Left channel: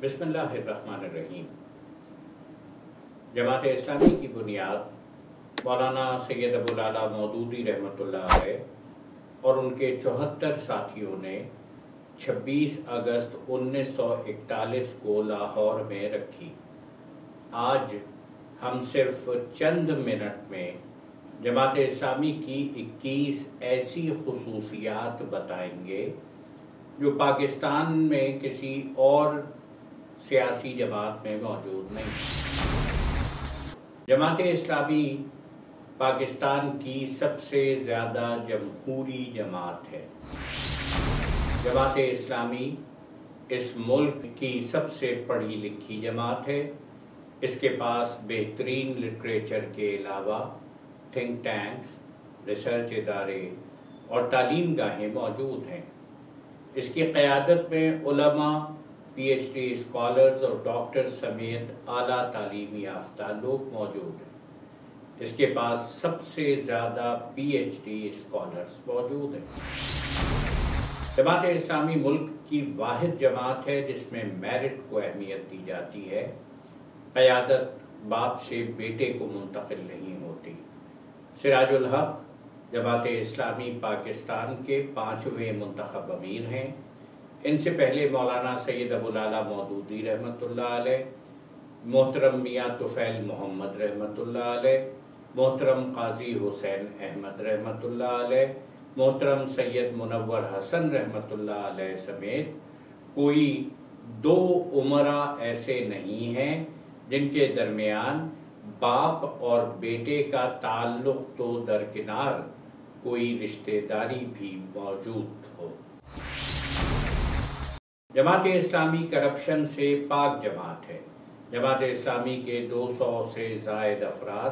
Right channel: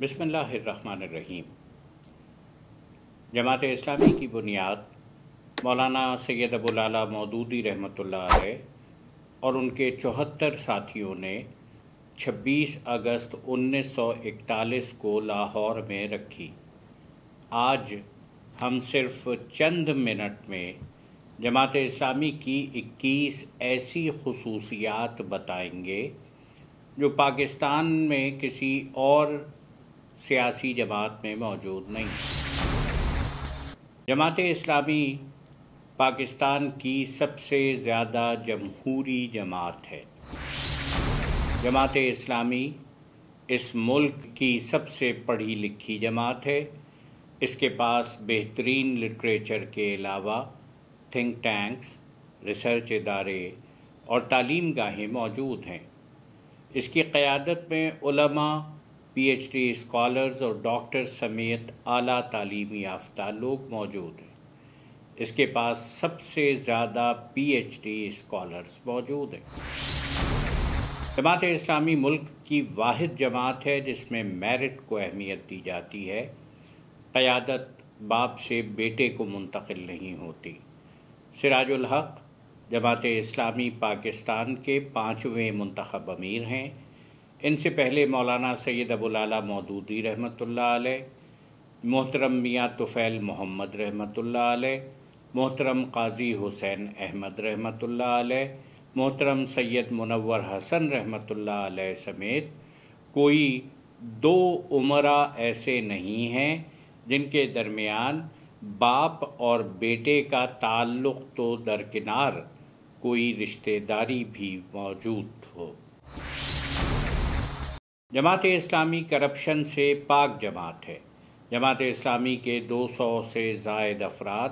بسم اللہ الرحمن الرحیم۔ جماعت اسلامی کی بنیاد مولانا سید ابوالعلا مودودی رحمۃ اللہ علیہ اور ان کے 74 ساتھیوں نے 26 اگست 1941 کو لاہور میں رکھی۔ آج ہم صرف چند منٹ میں جماعت اسلامی کی 21 ایسی خصوصیات بتائیں گے جو پاکستان میں کسی اور سیاسی جماعت میں موجود نہیں۔ جماعت اسلامی پاکستان کی سب سے زیادہ جمہوری جماعت ہے۔ جماعت اسلامی اس ملک کی سب سے پڑھی لکھی جماعت ہے۔ اس کے پاس بہترین لٹریچر کے علاوہ تھنک ٹینکس، ریسرچ ادارے اور تعلیم گاہیں موجود ہیں۔ اس کی قیادت میں علماء، پی ایچ ڈی اسکالرز اور ڈاکٹر سمیت اعلیٰ تعلیم یافتہ لوگ موجود ہیں۔ اس کے پاس سب سے زیادہ پی ایچ ڈی اسکالرز موجود ہیں۔ جماعت اسلامی ملک کی واحد جماعت ہے جس میں میرٹ کو اہمیت دی جاتی ہے۔ قیادت باپ سے بیٹے کو منتقل نہیں ہوتی۔ سراج الحق جماعت اسلامی پاکستان کے 5ویں منتخب امیر ہیں۔ ان سے پہلے مولانا سید ابوالعلا مودودی رحمۃ اللہ علیہ، محترم میاں طفیل محمد رحمۃ اللہ علیہ، محترم قاضی حسین احمد رحمۃ اللہ علیہ، محترم سید منور حسن رحمۃ اللہ علیہ سمیت کوئی 2 امراء ایسے نہیں ہیں جن کے درمیان باپ اور بیٹے کا تعلق تو درکنار کوئی رشتہ داری بھی موجود ہو۔ جماعت اسلامی کرپشن سے پاک جماعت ہے۔ جماعت اسلامی کے 200 سے زائد افراد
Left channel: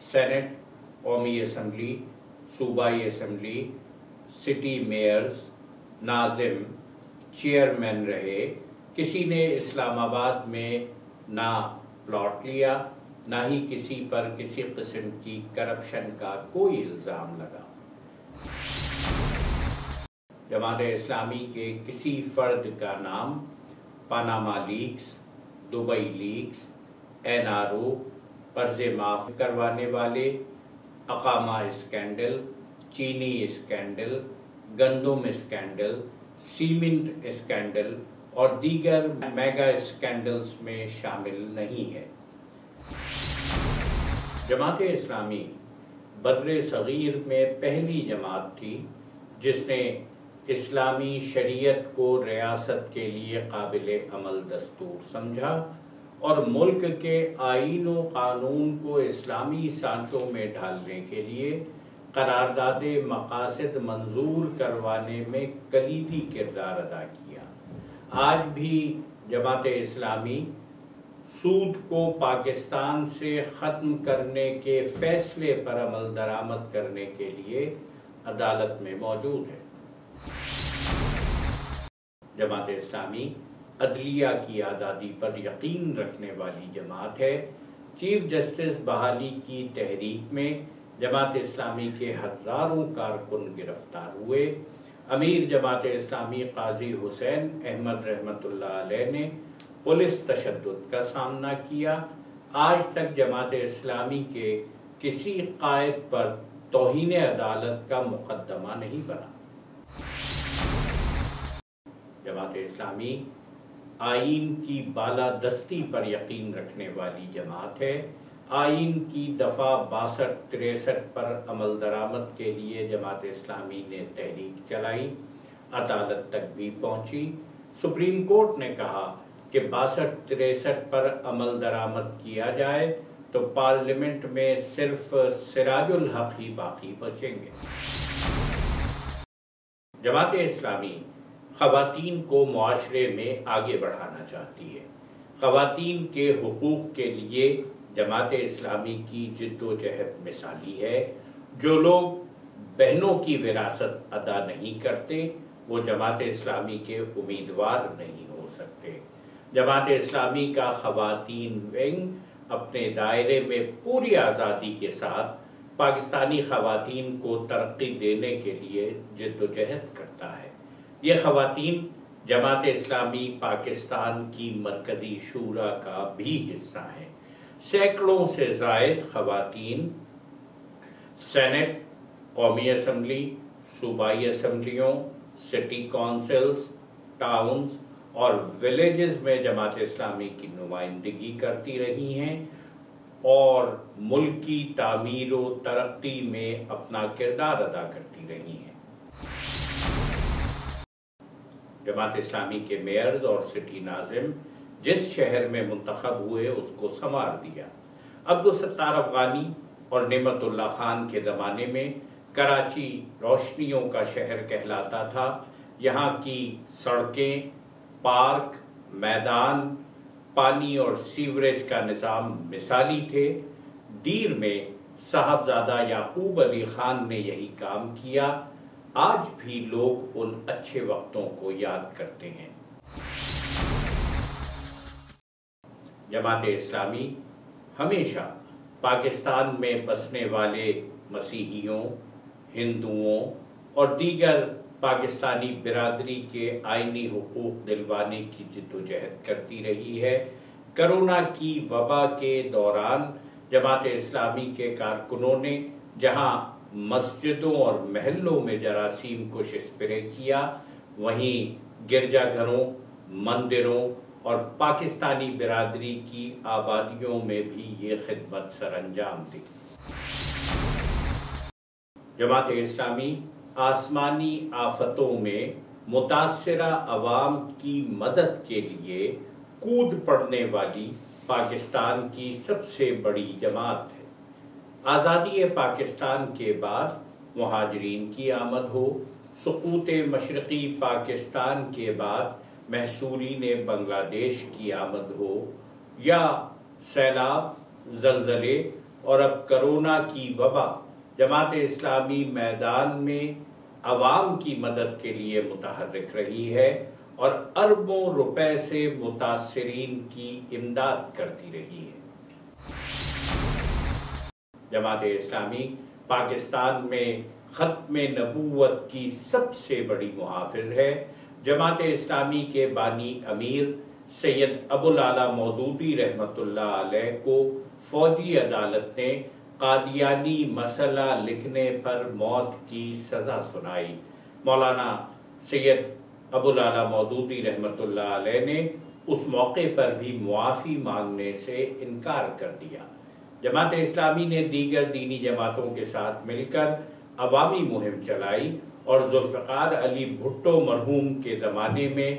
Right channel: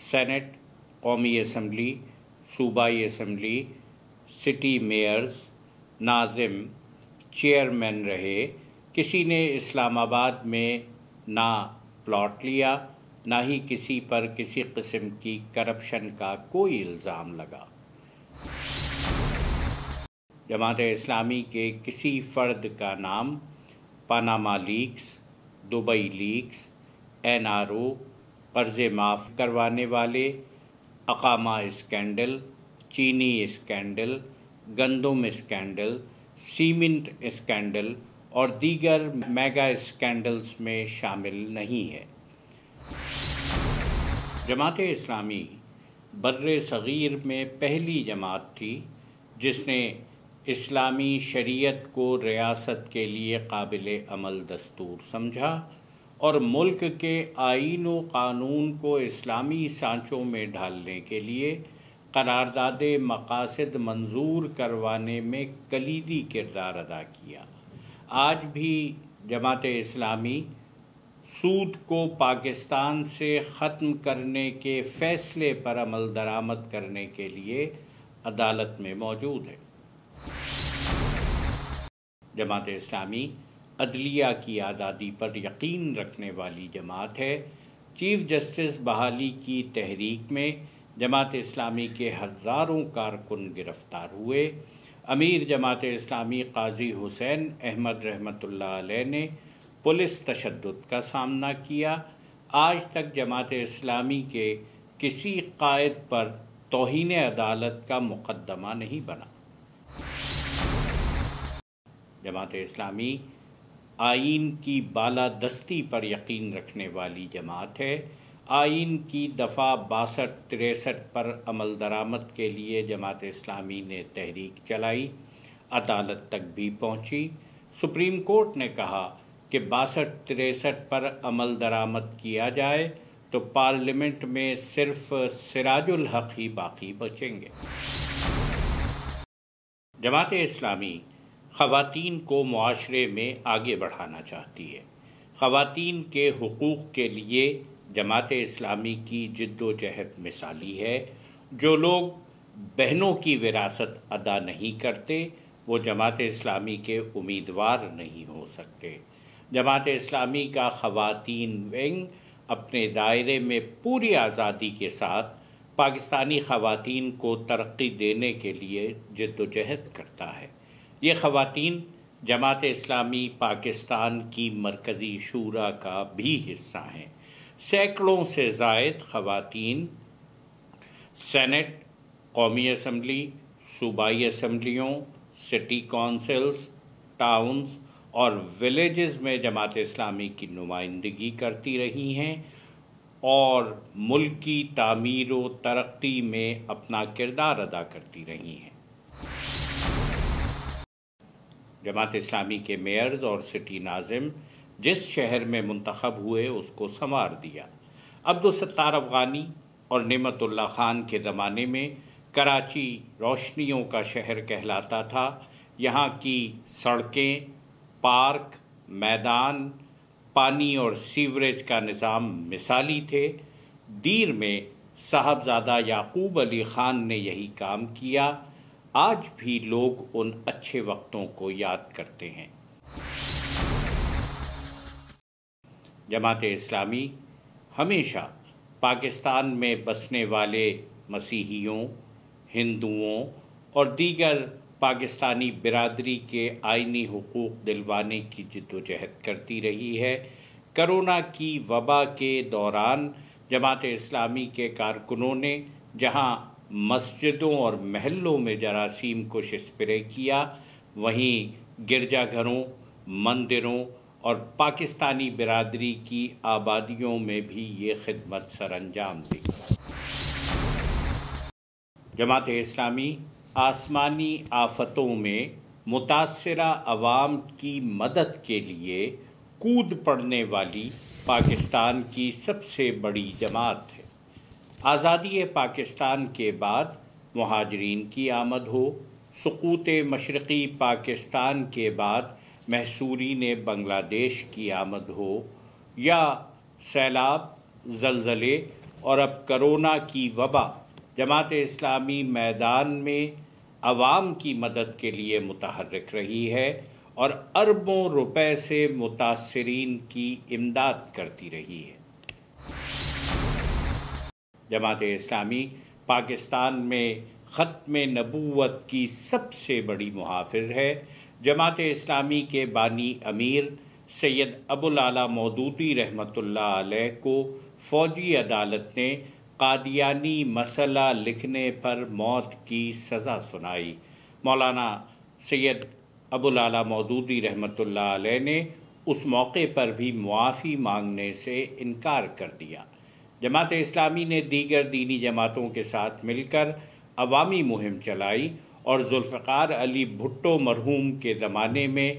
سینٹ، قومی اسمبلی، صوبائی اسمبلی، سٹی میئرز، ناظم، چیئرمین رہے۔ کسی نے اسلام آباد میں نہ پلاٹ لیا، نہ ہی کسی پر کسی قسم کی کرپشن کا کوئی الزام لگا۔ جماعت اسلامی کے کسی فرد کا نام Panama leaks, Dubai leaks, NRO، قرض معاف کروانے والے، اقامہ اسکینڈل، چینی اسکینڈل، گندم اسکینڈل، سیمنٹ اسکینڈل اور دیگر میگا اسکینڈلز میں شامل نہیں ہے۔ جماعت اسلامی بر صغیر میں پہلی جماعت تھی جس نے اسلامی شریعت کو ریاست کے لیے قابل عمل دستور سمجھا اور ملک کے آئین و قانون کو اسلامی سانچوں میں ڈھالنے کے لیے قرارداد مقاصد منظور کروانے میں کلیدی کردار ادا کیا۔ آج بھی جماعت اسلامی سود کو پاکستان سے ختم کرنے کے فیصلے پر عمل درآمد کرنے کے لیے عدالت میں موجود ہے۔ جماعت اسلامی عدلیہ کی آزادی پر یقین رکھنے والی جماعت ہے۔ چیف جسٹس بحالی کی تحریک میں جماعت اسلامی کے ہزاروں کارکن گرفتار ہوئے۔ امیر جماعت اسلامی قاضی حسین احمد رحمۃ اللہ علیہ نے پولیس تشدد کا سامنا کیا۔ آج تک جماعت اسلامی کے کسی قائد پر توہین عدالت کا مقدمہ نہیں بنا۔ جماعت اسلامی آئین کی بالادستی پر یقین رکھنے والی جماعت ہے۔ آئین کی دفعہ 62-63 پر عمل درآمد کے لیے جماعت اسلامی نے تحریک چلائی، عدالت تک بھی پہنچی۔ سپریم کورٹ نے کہا کہ 62-63 پر عمل درآمد کیا جائے تو پارلیمنٹ میں صرف سراج الحق ہی باقی بچیں گے۔ جماعت اسلامی خواتین کو معاشرے میں آگے بڑھانا چاہتی ہے۔ خواتین کے حقوق کے لیے جماعت اسلامی کی جد و جہد مثالی ہے۔ جو لوگ بہنوں کی وراثت ادا نہیں کرتے وہ جماعت اسلامی کے امیدوار نہیں ہو سکتے۔ جماعت اسلامی کا خواتین ونگ اپنے دائرے میں پوری آزادی کے ساتھ پاکستانی خواتین کو ترقی دینے کے لیے جد و جہد کرتا ہے۔ یہ خواتین جماعت اسلامی پاکستان کی مرکزی شورا کا بھی حصہ ہیں۔ سینکڑوں سے زائد خواتین سینٹ، قومی اسمبلی، صوبائی اسمبلیوں، سٹی کونسلز، ٹاؤنز اور ولیجز میں جماعت اسلامی کی نمائندگی کرتی رہی ہیں اور ملک کی تعمیر و ترقی میں اپنا کردار ادا کرتی رہی ہیں۔ جماعت اسلامی کے میئرز اور سٹی ناظم جس شہر میں منتخب ہوئے اس کو سنوار دیا۔ عبدالستار افغانی اور نعمت اللہ خان کے زمانے میں کراچی روشنیوں کا شہر کہلاتا تھا۔ یہاں کی سڑکیں، پارک، میدان، پانی اور سیوریج کا نظام مثالی تھے۔ دیر میں صاحبزادہ یعقوب علی خان نے یہی کام کیا۔ آج بھی لوگ ان اچھے وقتوں کو یاد کرتے ہیں۔ جماعت اسلامی ہمیشہ پاکستان میں بسنے والے مسیحیوں، ہندوؤں اور دیگر پاکستانی برادری کے آئینی حقوق دلوانے کی جدوجہد کرتی رہی ہے۔ کرونا کی وبا کے دوران جماعت اسلامی کے کارکنوں نے جہاں مسجدوں اور محلوں میں جراثیم کو اسپرے کیا، وہیں گرجا گھروں، مندروں اور پاکستانی برادری کی آبادیوں میں بھی یہ خدمت سر انجام دی۔ جماعت اسلامی آسمانی آفتوں میں متاثرہ عوام کی مدد کے لیے کود پڑنے والی پاکستان کی سب سے بڑی جماعت ہے۔ آزادی پاکستان کے بعد مہاجرین کی آمد ہو، سقوط مشرقی پاکستان کے بعد محصورین بنگلہ دیش کی آمد ہو، یا سیلاب، زلزلے اور اب کرونا کی وبا، جماعت اسلامی میدان میں عوام کی مدد کے لیے متحرک رہی ہے اور اربوں روپے سے متاثرین کی امداد کرتی رہی ہے۔ جماعت اسلامی پاکستان میں ختم نبوت کی سب سے بڑی محافظ ہے۔ جماعت اسلامی کے بانی امیر سید ابوالعلا مودودی رحمۃ اللہ علیہ کو فوجی عدالت نے قادیانی مسئلہ لکھنے پر موت کی سزا سنائی۔ مولانا سید ابوالعلا مودودی رحمۃ اللہ علیہ نے اس موقع پر بھی معافی مانگنے سے انکار کر دیا۔ جماعت اسلامی نے دیگر دینی جماعتوں کے ساتھ مل کر عوامی مہم چلائی اور ذوالفقار علی بھٹو مرحوم کے زمانے میں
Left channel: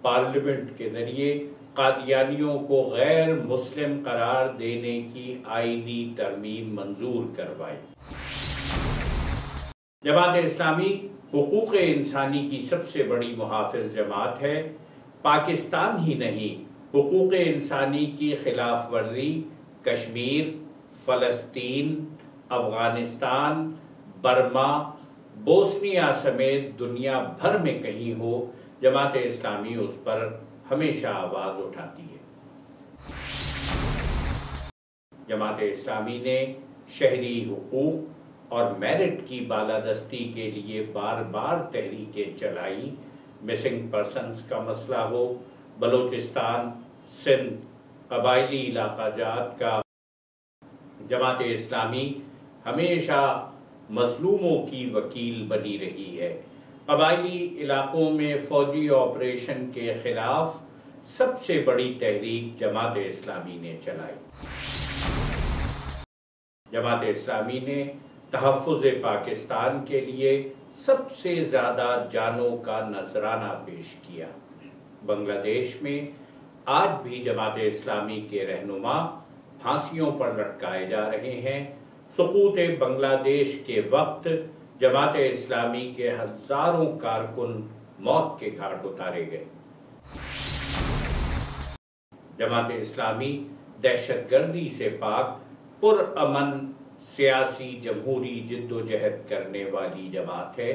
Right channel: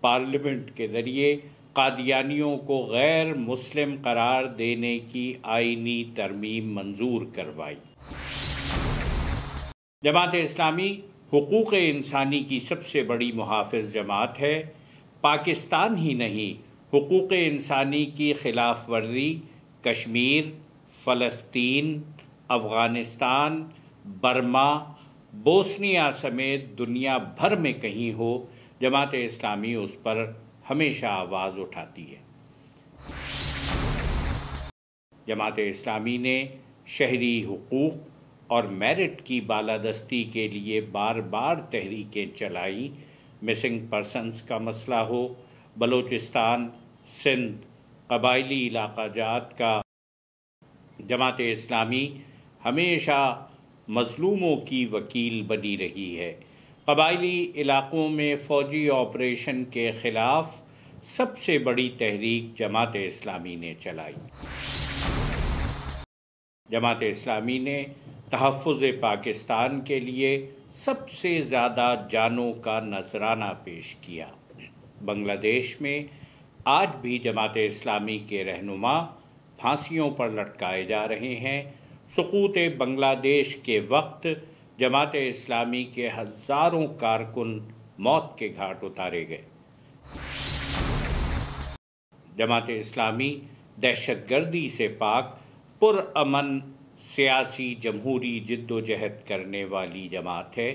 پارلیمنٹ کے ذریعے قادیانیوں کو غیر مسلم قرار دینے کی آئینی ترمیم منظور کروائی۔ جماعت اسلامی حقوق انسانی کی سب سے بڑی محافظ جماعت ہے۔ پاکستان ہی نہیں، حقوق انسانی کی خلاف ورزی کشمیر، فلسطین، افغانستان، برما، بوسنیا سمیت دنیا بھر میں کہیں ہو، جماعت اسلامی اس پر ہمیشہ آواز اٹھاتی ہے۔ جماعت اسلامی نے شہری حقوق اور میرٹ کی بالادستی کے لیے بار بار تحریکیں چلائی۔ مسنگ پرسنز کا مسئلہ ہو، بلوچستان، سندھ، قبائلی علاقہ جات کا، جماعت اسلامی ہمیشہ مظلوموں کی وکیل بنی رہی ہے۔ قبائلی علاقوں میں فوجی آپریشن کے خلاف سب سے بڑی تحریک جماعت اسلامی نے چلائی۔ جماعت اسلامی نے تحفظ پاکستان کے لیے سب سے زیادہ جانوں کا نذرانہ پیش کیا۔ بنگلہ دیش میں آج بھی جماعت اسلامی کے رہنما پھانسیوں پر لٹکائے جا رہے ہیں۔ سقوط بنگلہ دیش کے وقت جماعت اسلامی کے ہزاروں کارکن موت کے گھاٹ اتارے گئے۔ جماعت اسلامی دہشت گردی سے پاک پرامن سیاسی جمہوری جدوجہد کرنے والی جماعت ہے۔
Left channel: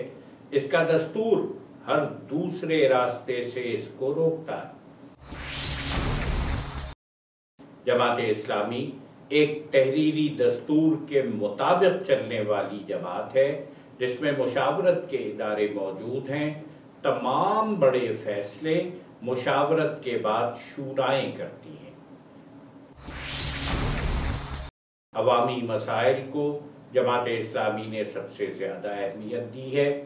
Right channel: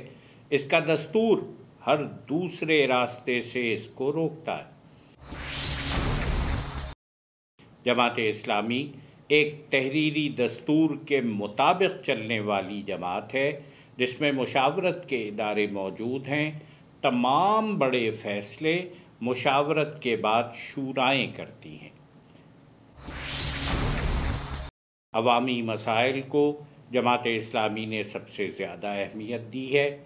اس کا دستور ہر دوسرے راستے سے اس کو روکتا ہے۔ جماعت اسلامی ایک تحریری دستور کے مطابق چلنے والی جماعت ہے، جس میں مشاورت کے ادارے موجود ہیں، تمام بڑے فیصلے مشاورت کے بعد شورائیں کرتی ہیں۔ عوامی مسائل کو جماعت اسلامی نے سب سے زیادہ اہمیت دی ہے۔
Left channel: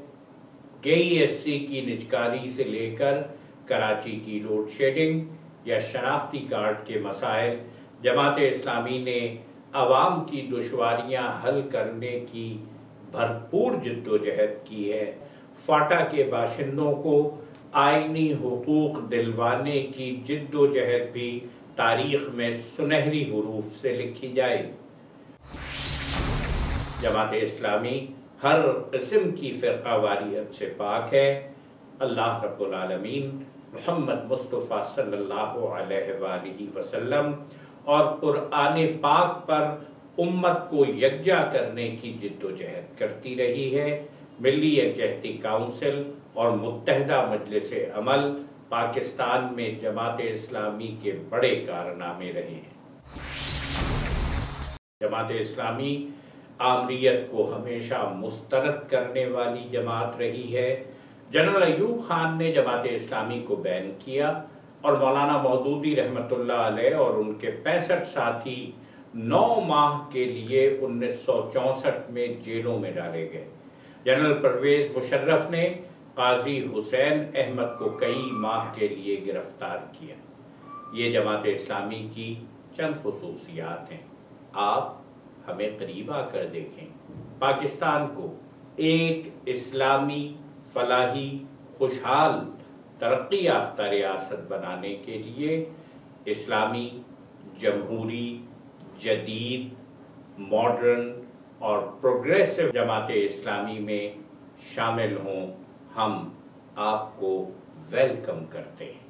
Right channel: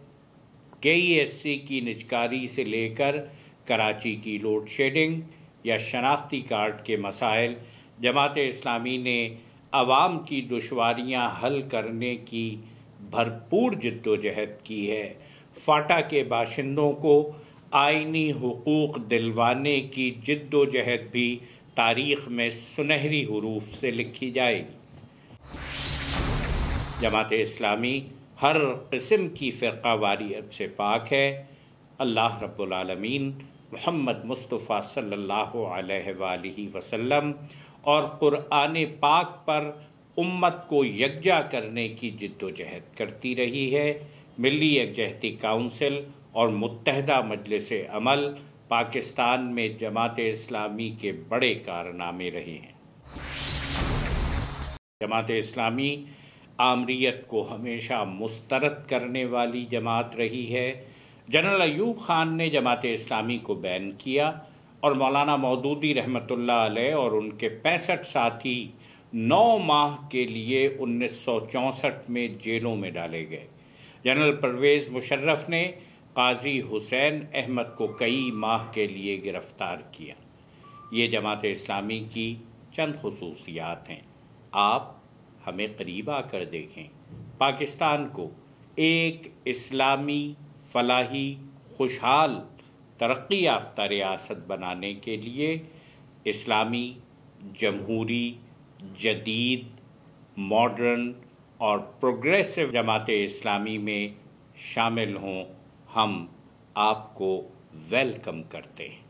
KESC کی نجکاری سے لے کر کراچی کی لوڈ شیڈنگ یا شناختی کارڈ کے مسائل، جماعت اسلامی نے عوام کی دشواریاں حل کرنے کی بھرپور جد و جہد کی ہے۔ فاٹا کے باشندوں کو آئینی حقوق دلوانے کی جد و جہد بھی تاریخ میں سنہری حروف سے لکھی جائے گی۔ جماعت اسلامی ہر قسم کی فرقہ واریت سے پاک ہے۔ اللہ رب العالمین محمد مصطفیٰ صلی اللہ علیہ وآلہ وسلم اور قرآن پاک پر امت کو یکجا کرنے کی جد و جہد کرتی رہی ہے۔ ملی یکجہتی کونسل اور متحدہ مجلس عمل پاکستان میں جماعت اسلامی کے بڑے کارنامے رہے ہیں۔ جماعت اسلامی آمریت کو ہمیشہ مسترد کرنے والی جماعت رہی ہے۔ جنرل ایوب خان نے جماعت اسلامی کو بین کیا اور مولانا مودودی رحمۃ اللہ علیہ اور ان کے 65 ساتھی 9 ماہ کے لیے 1964 میں جیلوں میں ڈالے گئے۔ جنرل پرویز مشرف نے قاضی حسین احمد کو کئی ماہ کے لیے گرفتار کیا۔ یہ جماعت اسلامی کی چند خصوصیات ہیں۔ آپ ہمیں قریب آ کر دیکھیں۔ پاکستان کو ایک اسلامی، فلاحی، خوشحال، ترقی یافتہ ریاست بنانے کے لیے اسلامی، جمہوری، جدید، ماڈرن اور پروگریسو جماعت اسلامی میں شامل ہوں۔ ہم آپ کو ویلکم کرتے ہیں۔